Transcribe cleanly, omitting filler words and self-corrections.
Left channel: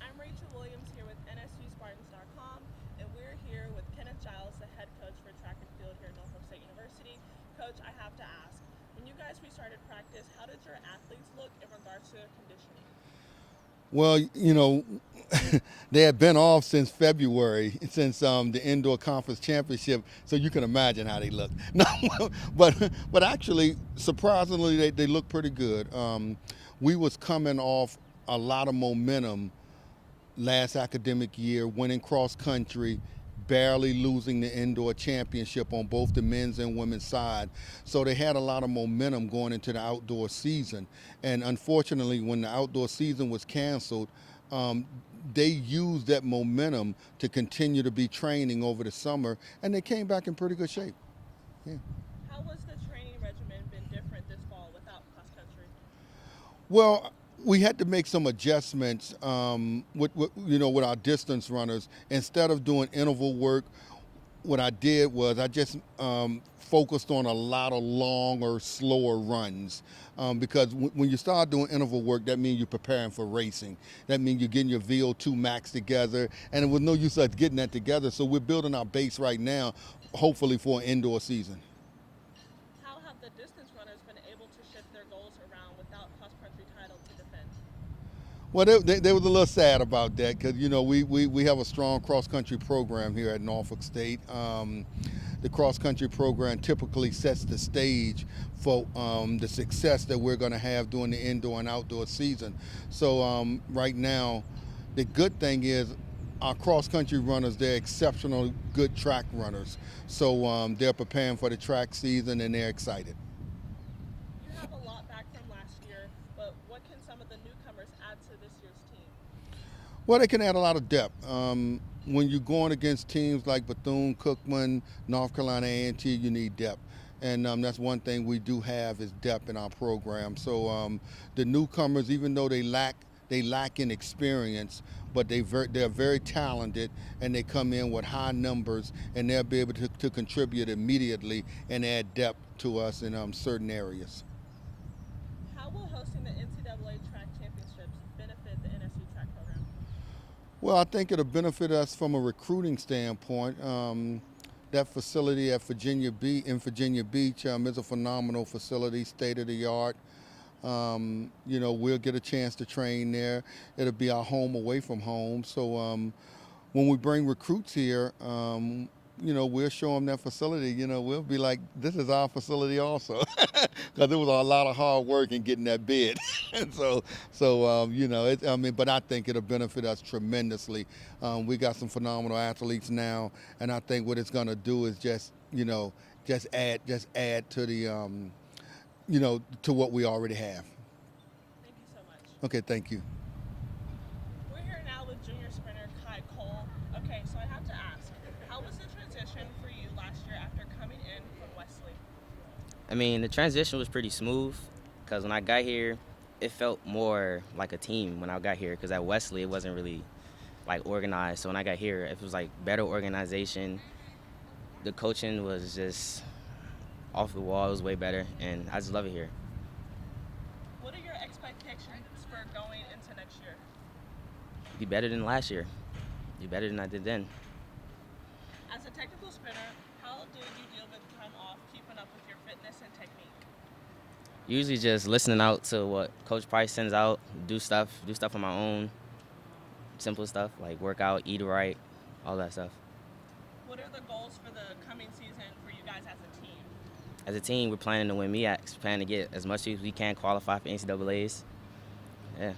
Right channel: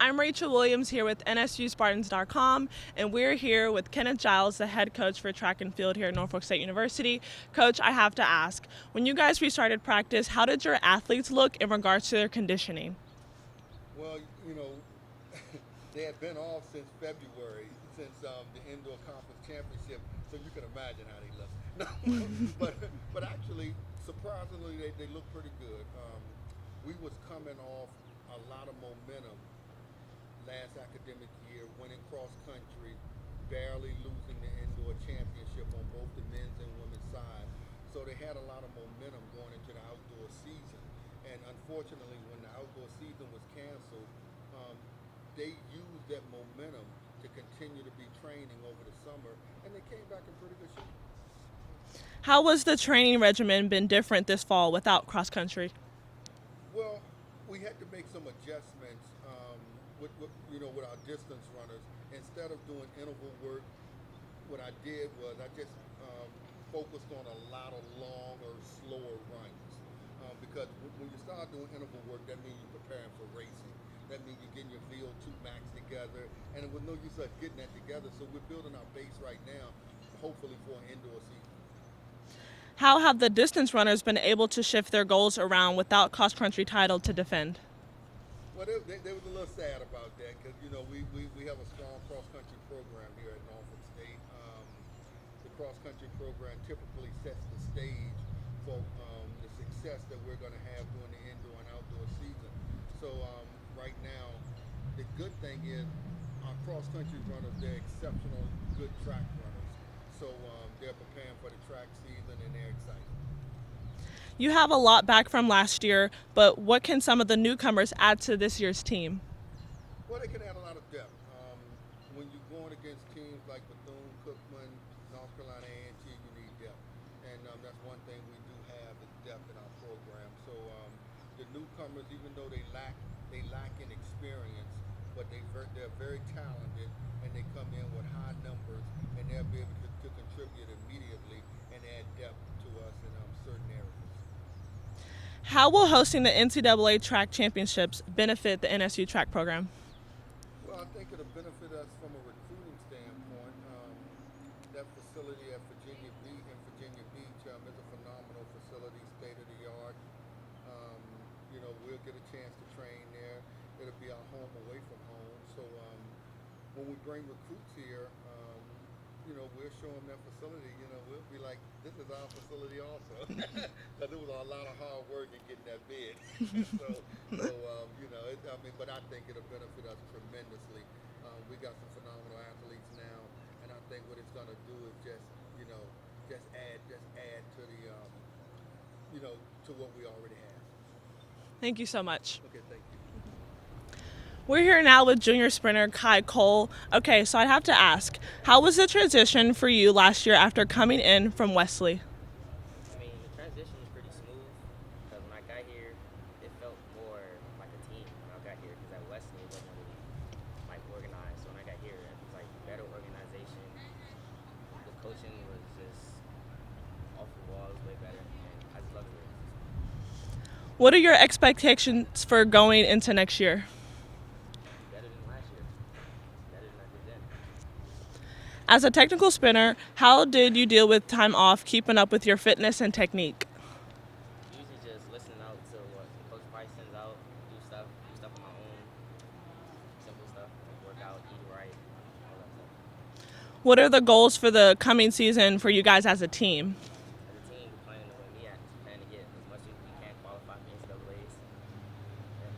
I'm Rachel Williams here with NSUSpartans.com, and we're here with Kenneth Giles, the head coach for track and field here at Norfolk State University. Coach, I have to ask, when you guys restarted practice, how did your athletes look in regards to their conditioning? Well, they had been off since February, since the indoor conference championship, so you can imagine how they look. No, but actually, surprisingly, they look pretty good. We was coming off a lot of momentum last academic year, winning cross country, barely losing the indoor championship on both the men's and women's side. So they had a lot of momentum going into the outdoor season. And unfortunately, when the outdoor season was canceled, they used that momentum to continue to be training over the summer, and they came back in pretty good shape. Yeah. How was the training regimen been different this fall without cross country? Well, we had to make some adjustments with our distance runners. Instead of doing interval work, what I did was I just focused on a lot of longer, slower runs. Because when you start doing interval work, that means you're preparing for racing. That means you're getting your VO2 max together, and it was no use us getting that together. So we're building our base right now, hopefully for an indoor season. How have the distance runners been able to shift their goals around without cross country title to defend? Well, they was a little sad about that because, we have a strong cross-country program here at Norfolk State. The cross-country program typically sets the stage for the success that we're going to have during the indoor and outdoor season. So right now, the good thing is our cross-country runners, they're exceptional good track runners. So they're preparing for the track season and they're excited. You have a lot back from last year, but what can some of the newcomers add to this year's team? Well, they can add a lot of depth. When you're going against teams like Bethune-Cookman, North Carolina A&T, you need depth. And that's one thing we do have is depth in our program. So the newcomers, even though they lack in experience, but they're very talented, and they come in with high numbers, and they'll be able to contribute immediately and add depth to us in certain areas. How will hosting the NCAA track championships benefit the NSU track program? Well, I think it'll benefit us from a recruiting standpoint. That facility at Virginia Beach is a phenomenal facility, state of the art. We'll get a chance to train there. It'll be our home away from home. So when we bring recruits here, we'll show them that facility. We'll be like, this is our facility also, because it was a lot of hard work in getting that bid. But I think it'll benefit us tremendously. We got some phenomenal athletes now, and I think what it's going to do is just add to the to what we already have. Thank you so much. Okay, thank you. We're here now with junior sprinter Kai Cole. Okay, so I'd have to ask, how was the transition for you last year after coming in from Wesley? I mean, the transition was pretty smooth because when I got here, it felt more like a team when I got here, because at Wesley it wasn't really organized. So when I got here, it was better organization. The coaching was just off the wall. It was way better, and I just love it here. What are your expectations for going into next year? Be better than last year. Be better than I did then. As a technical sprinter, how did you deal with time off, keeping up with your fitness and technique? Usually just listening out to what Coach Price sends out, do stuff on my own. Simple stuff like work out, eat right, all that stuff. What are the goals for the coming season for you guys as a team? As a team, we're planning to win MEACs, planning to get as much as we can qualify for NCAAs. Yeah.